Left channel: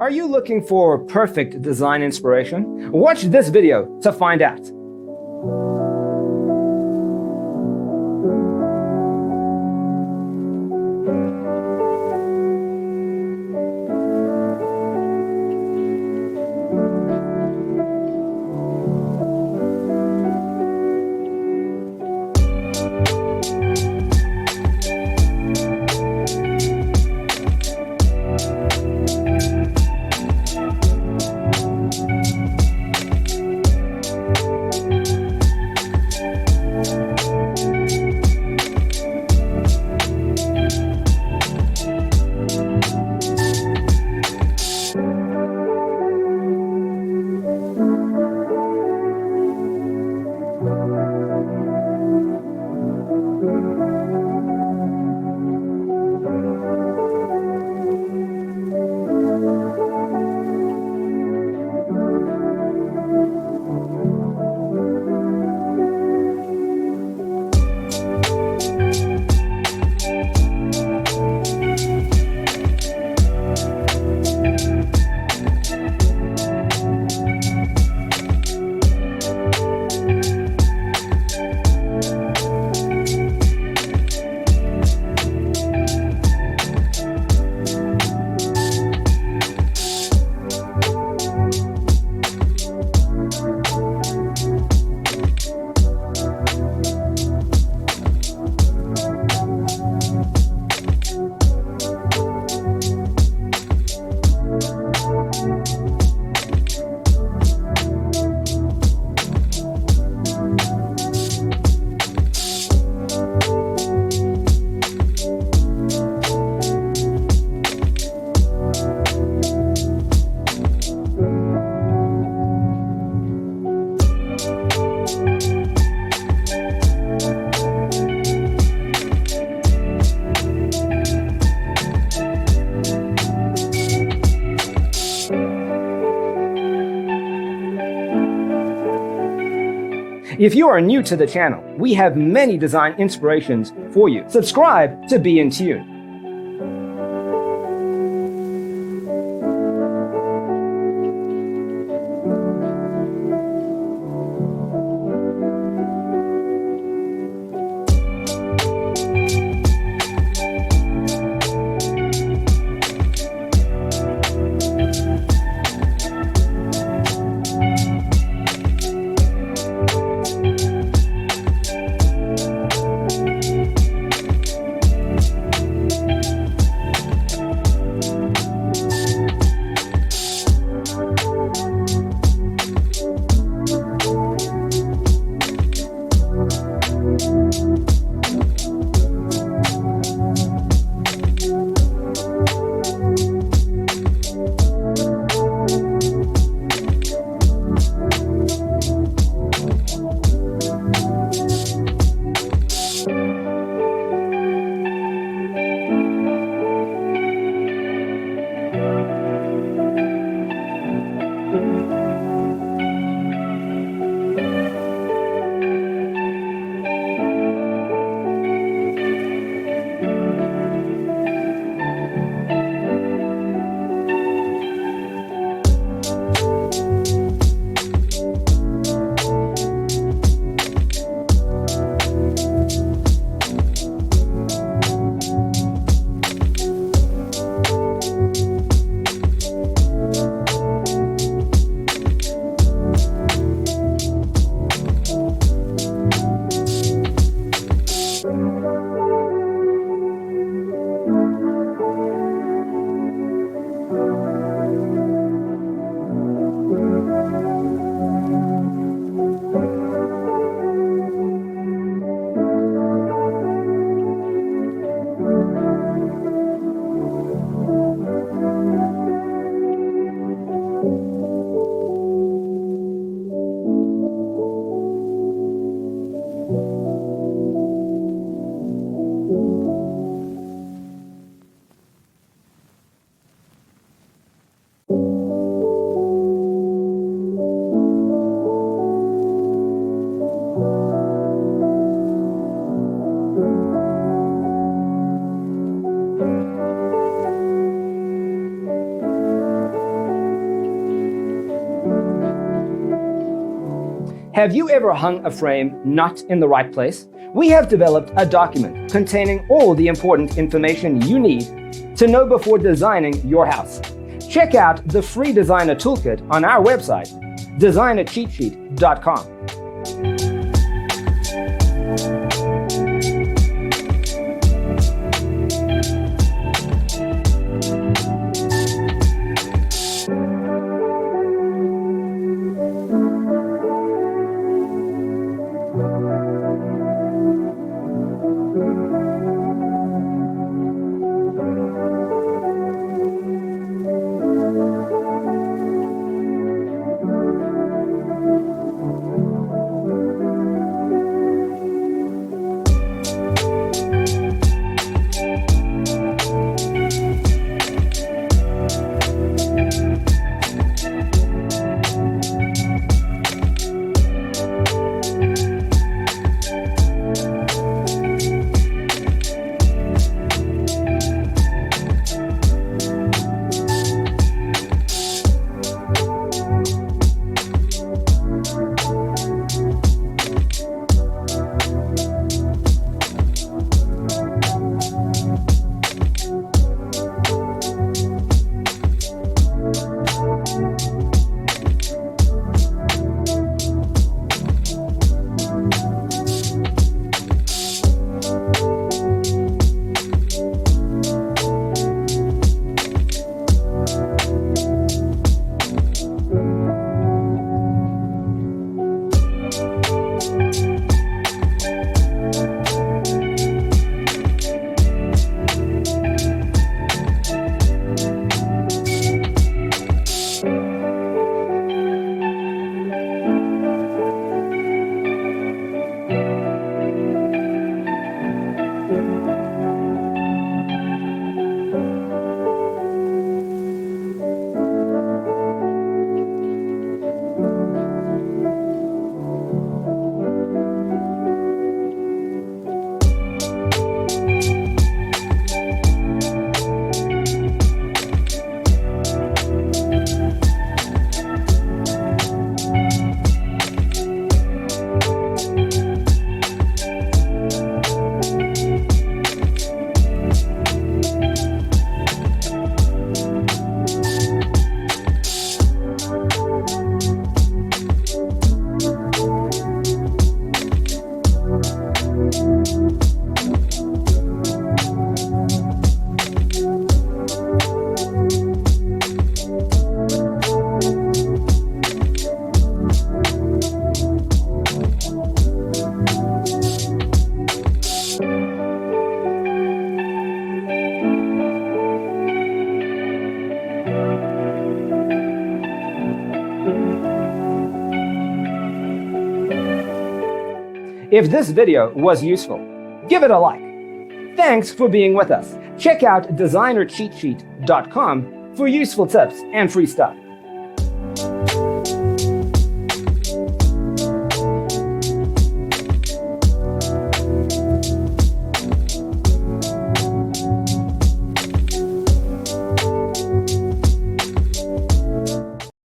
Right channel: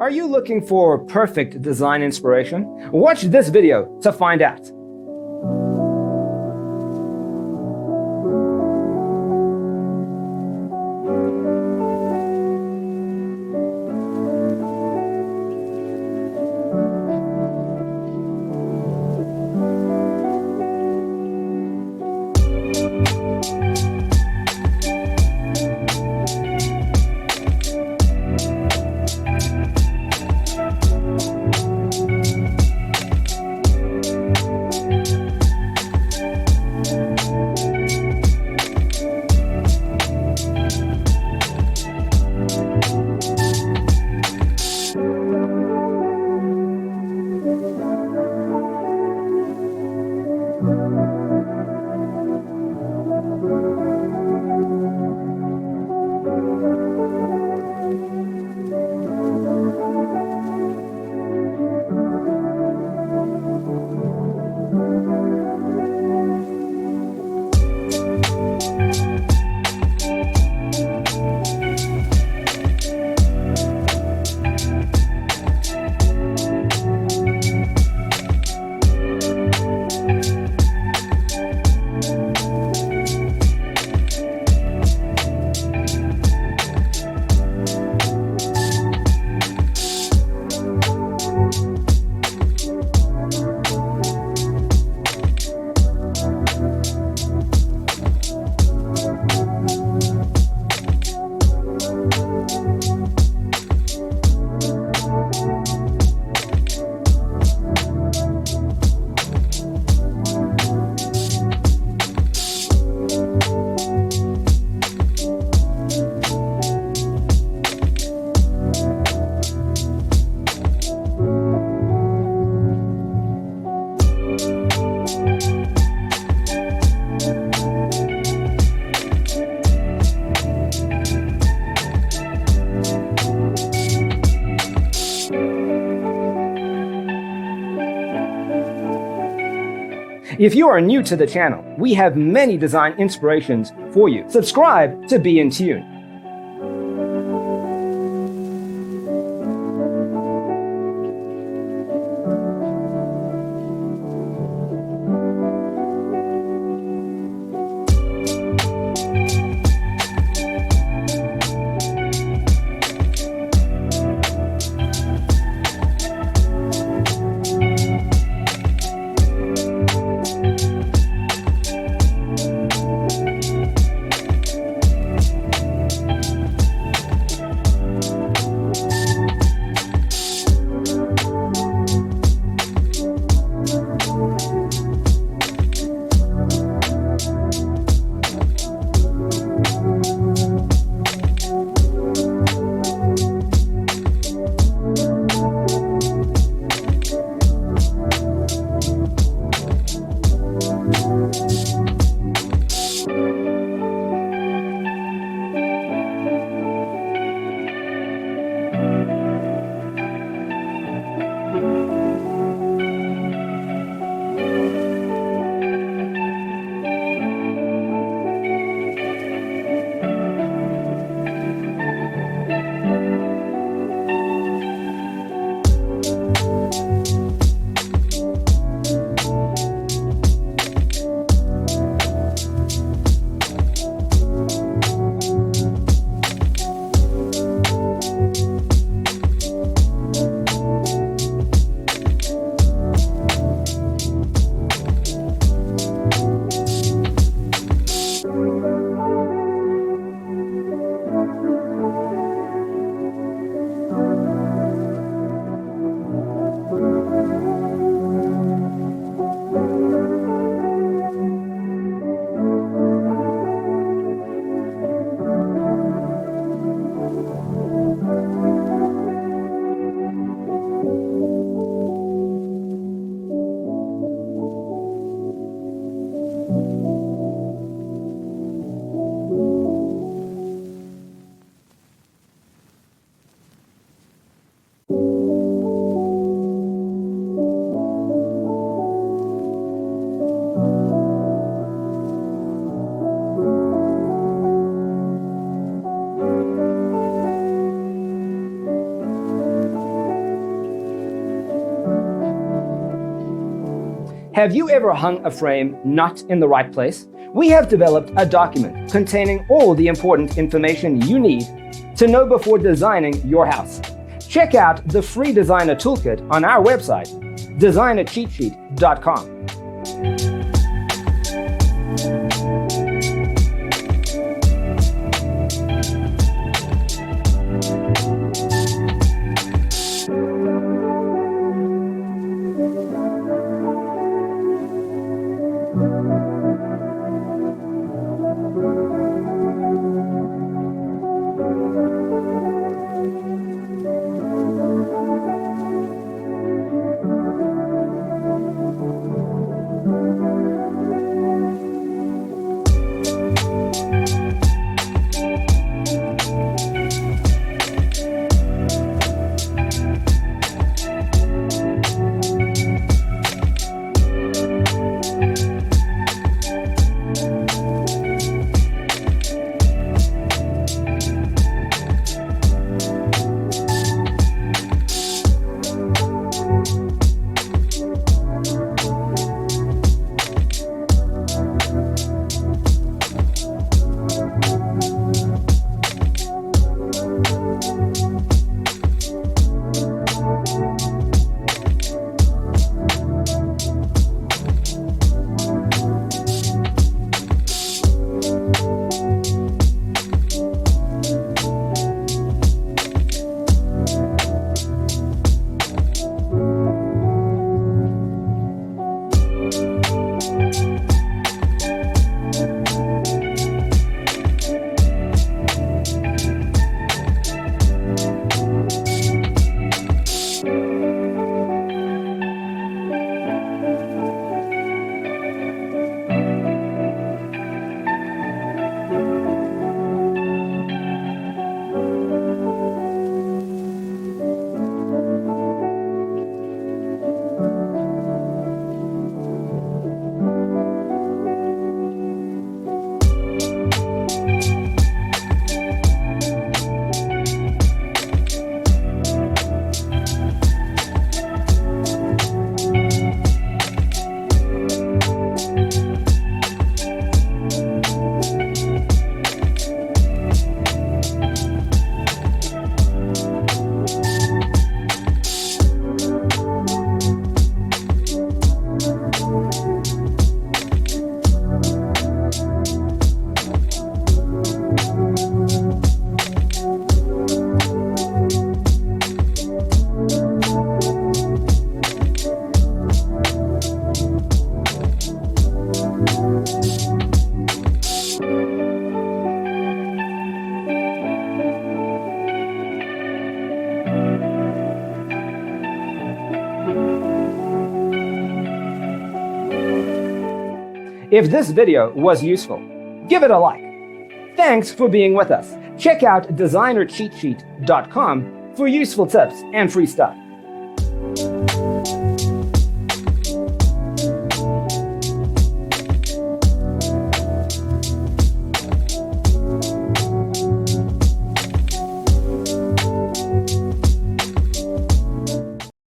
Are you looking for perfect design inspiration? Watch this video to find out. If you are new to the channel, we have many design inspirations for you. Subscribe to be in tune. Have you ever hung a frame not in the right place? We have developed a document containing all the important information you need to know before designing your house. Check out the free designer toolkit on our website, designercheatsheet.com. If this video was useful, give it a like. Thanks for being with us. Check out designercheatsheet.com for useful tips and free stuff.